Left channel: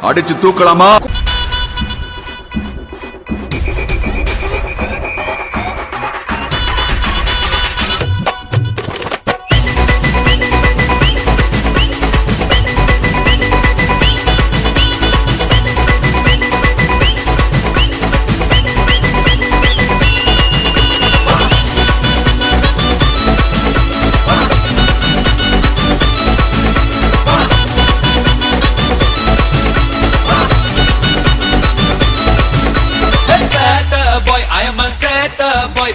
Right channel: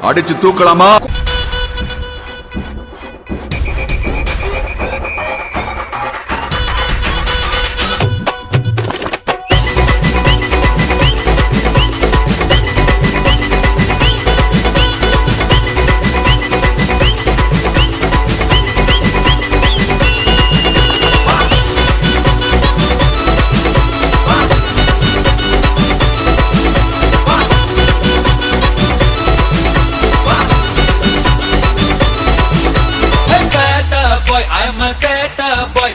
அடிச்சு தூக்கலாமா?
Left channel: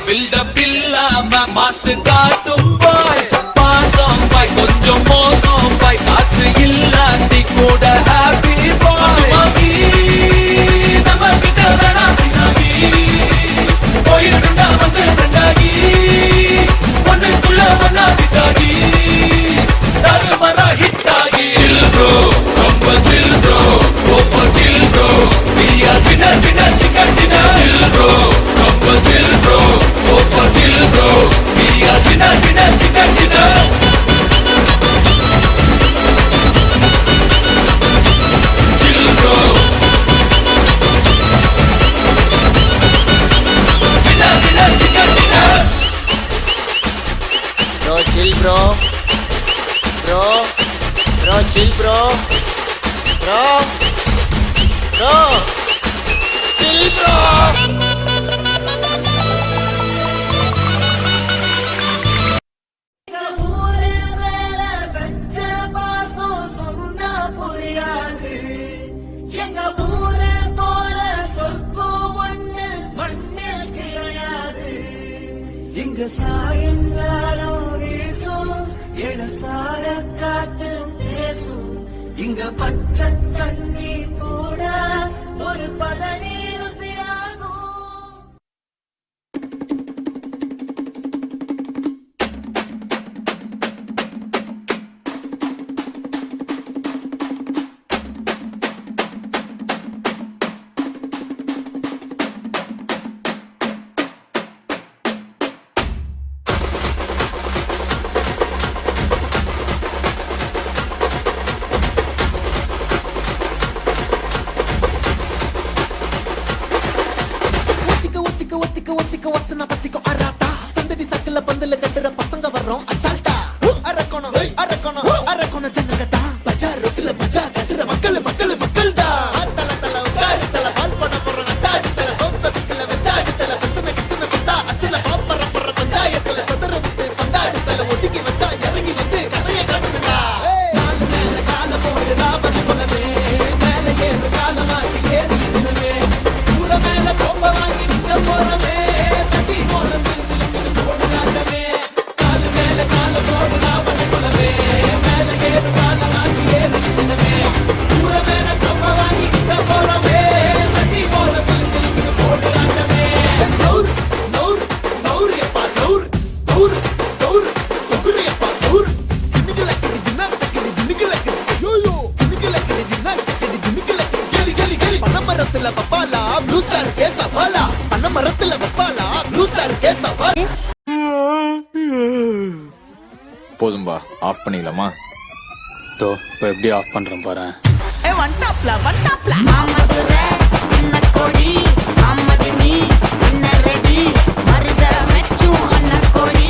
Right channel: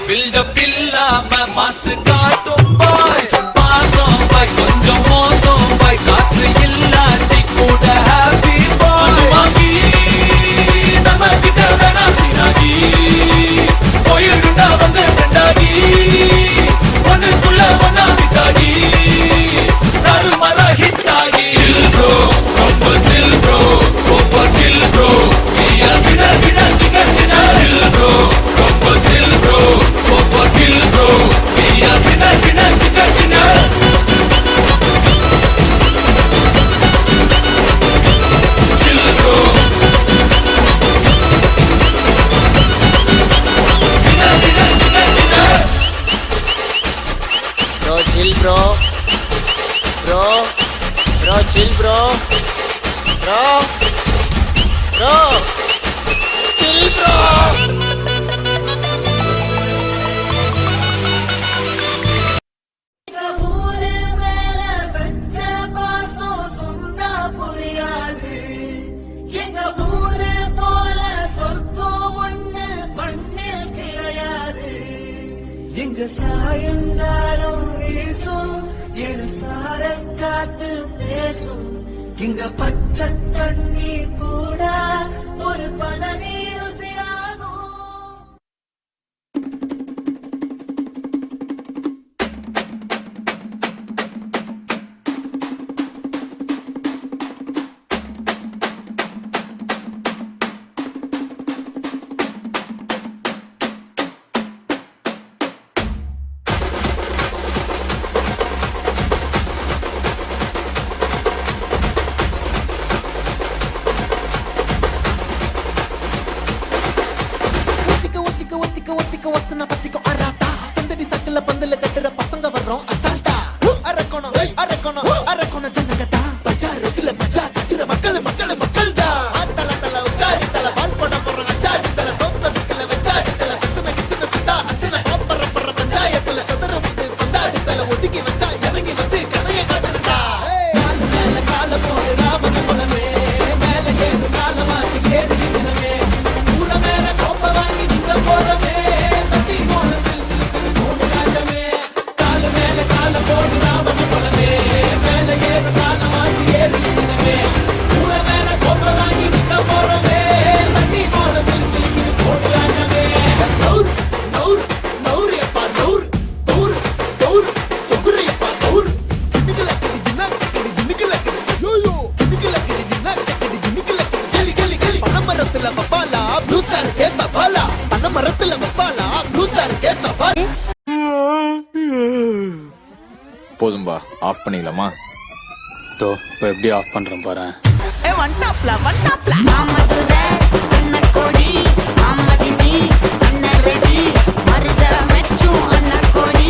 build up இல்லாம மாசு காட்டும் boy மாசம் boy கொஞ்சம் மோசம் boy காசு இல்லாட்டி கூட happy boy மனுமாகி நம்ம கிட்ட வேணா சினாகி போயிடுண்டா வந்து ரெண்டாகி ஒன்னுக்குள்ள ஒன்னா விட்டாகி தருமரா ஹிட்டாகி chill bro ரொம்ப chill bro go for chill bro we are winner chicken dinner chill bro ரொம்ப chill bro kill bro we are winner chicken dinner chill bro winner chicken dinner bro chill bro chill bro chill bro இங்க சாயங்காலம் வீசும் இடசார காத்து பேசும் இங்க பச்சை தண்ணி கூட ஒரு பதநீர் ருசியாகும் ஒத்திக்க வசன பத்திக்கோ அராட்டா சந்தடி சக்கல பந்தல கட்டுற பசங்க வர்றோம் அசால்ட்டா அரக்கோணம் ஜனங்கடா பஜார் ரோட்ல மஜா கட்டுற மக்கள் தான் தல உட்காரு தல பால் போட போறாங்க சாடு தல சோச்சதுக்குல வச்சாடு தல பிரச்சனை கிச்சன குட்டா அச்சன பாப்பற பஞ்சாயத்துல சதற விட்டு பந்தாடு தல ஒதுக்கி வச்சா இறங்கி வந்து கதைய காட்டுறா கால மேல கால போடு ராவண குலமே மேல ஏறு காலமாச்சு ஏறி இன்னமே ஊர மேல கோப்ப வாங்கி நிக்க போறமே மரத்துல வப்பாலா ப்ளூ ஸ்டார் கே சவாலா பண்ண மரத்துல வப்பாலா ப்ளூ ஸ்டார் கே சவாலா போதும்பா ஆஃப் பண்ணிடலாமா? தோ இப்போ எப்படி ஆஃப் பண்றேன் பாரு. ஒன் டாப்ல மாமதுரை அண்ணன் கோடி மாமதினி அண்ணன் ரெடி மருத மெச்சும் அண்ணன் கோடி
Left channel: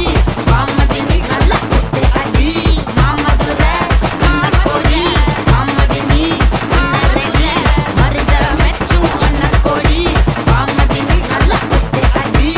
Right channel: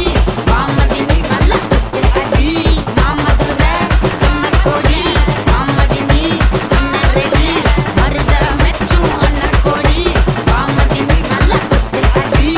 மாமதினி நல்லா குத்து அடி மாமதுரை அண்ணன் கோடி மாமதினி அண்ணன் ரெடி மருத மெச்சும் அண்ணன் கோடி மாமதினி நல்லா குத்து அடி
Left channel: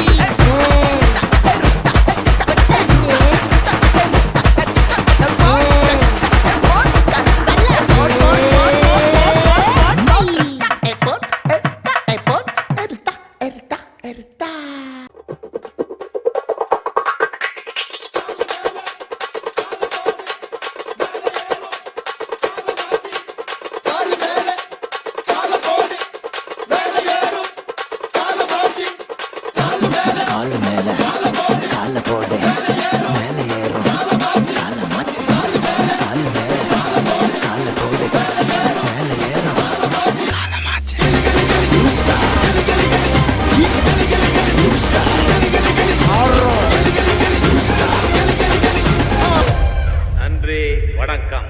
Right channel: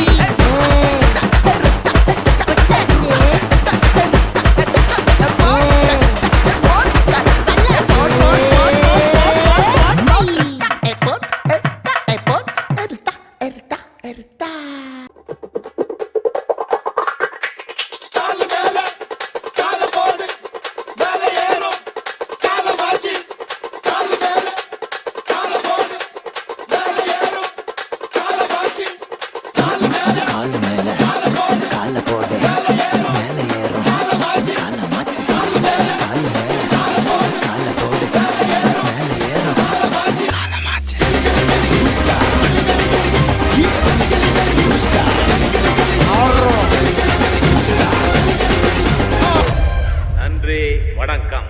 கால மேல கால போடு மேல ஏறும் கால மாச்சு கால மேல கால போடு மேல ஏறும் கால மாச்சு நன்றி, வணக்கம்.